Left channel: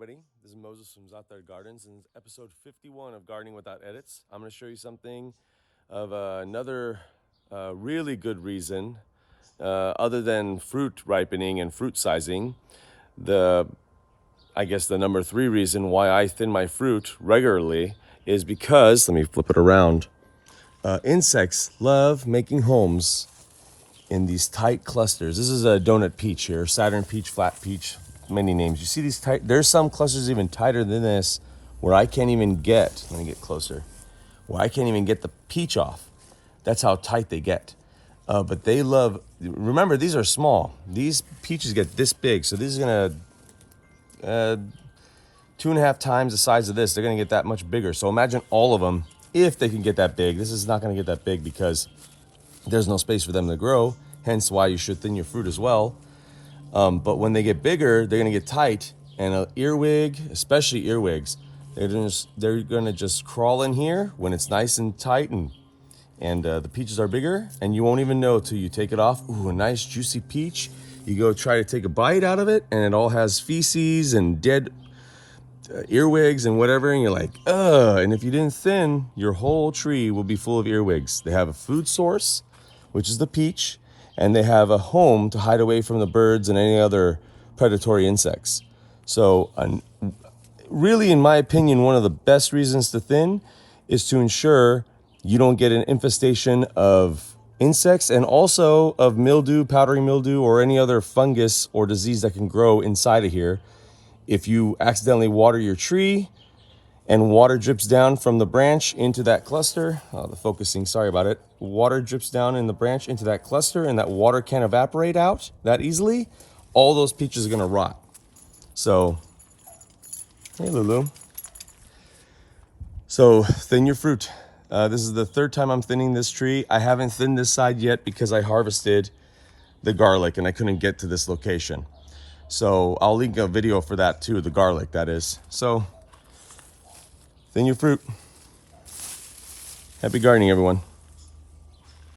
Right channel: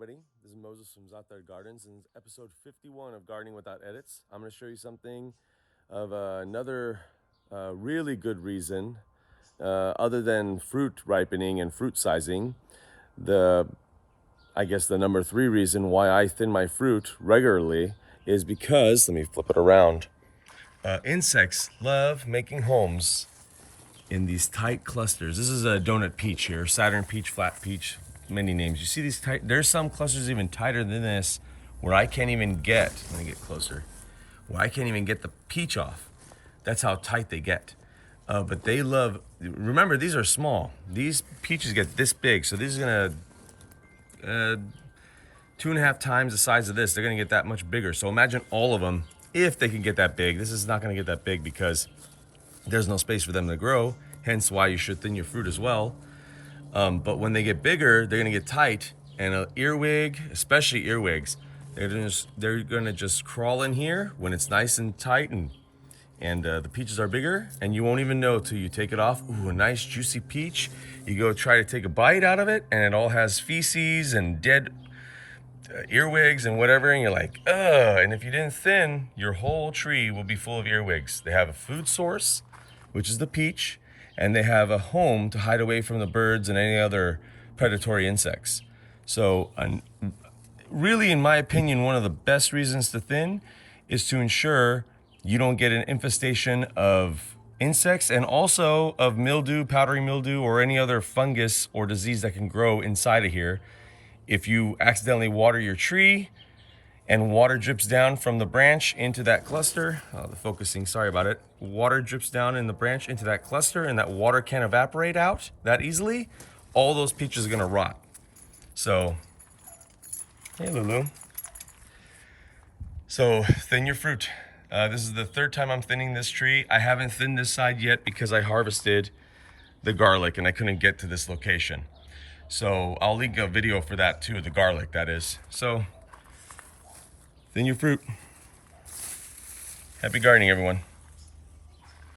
everybody. This is Moses from Zaatar Gardens, and it's episode 51 of Gardening Without Edits. I'm going to show you something of another really good reason, other than fruit ripening and fruit sizing. I guess the number 3 reason why I thin my fruit regularly is because, let me flip it around, insects love making homes in these tight clusters. This is a donut peach here, Saturn peach, flat peach, many names. You see these tight, there's some clusters even tighter than this where I can't even get, let me get closer, where I can't even get the peach off. That's how tight they get. But they love, remember these are small. These peaches get this big, so these are gonna, 2.5 times the size of this. They're gonna get that much bigger. So imagine all of them, if they can get that big. This is not gonna get that big because there's no space for them to grow, hence why you should thin your fruit as well. But when they get bigger, they're gonna get tight, and an earwig, especially earwigs, they're gonna just crawl in here when it's nice and tight, and the peaches are bigger, and you won't even know till you take it off. Ooh, a nice juicy peach. You go try to take a bite out of it, and it all has feces and dead earwigs and whatever, and you're like, ugh. And if you didn't thin, your whole tree will be full of earwigs. They have a food source, which is the peach, and they have a home to hide away from the birds and any other predatory insects. So really, in my opinion, one of the best reasons to thin is to ensure you don't get an infestation of insects and also of mildew, powdery mildew, or any other fungus or disease that can grow inside of here. If you accidentally water your tree and water drips down from the branch into that cluster, the focusing, sorry about it. Water drips down in the branch into that cluster, and that water can't evaporate out that easily, all those peaches are gonna rot. So, hey Lulu. So thin your fruit. This is the 3rd time I'm thinning this tree. I haven't thinned this side yet because I harvested the garlic and I couldn't get to this location. So I'll link a video for that too, the garlic that is. So, thin your fruit. Happy gardening, everyone.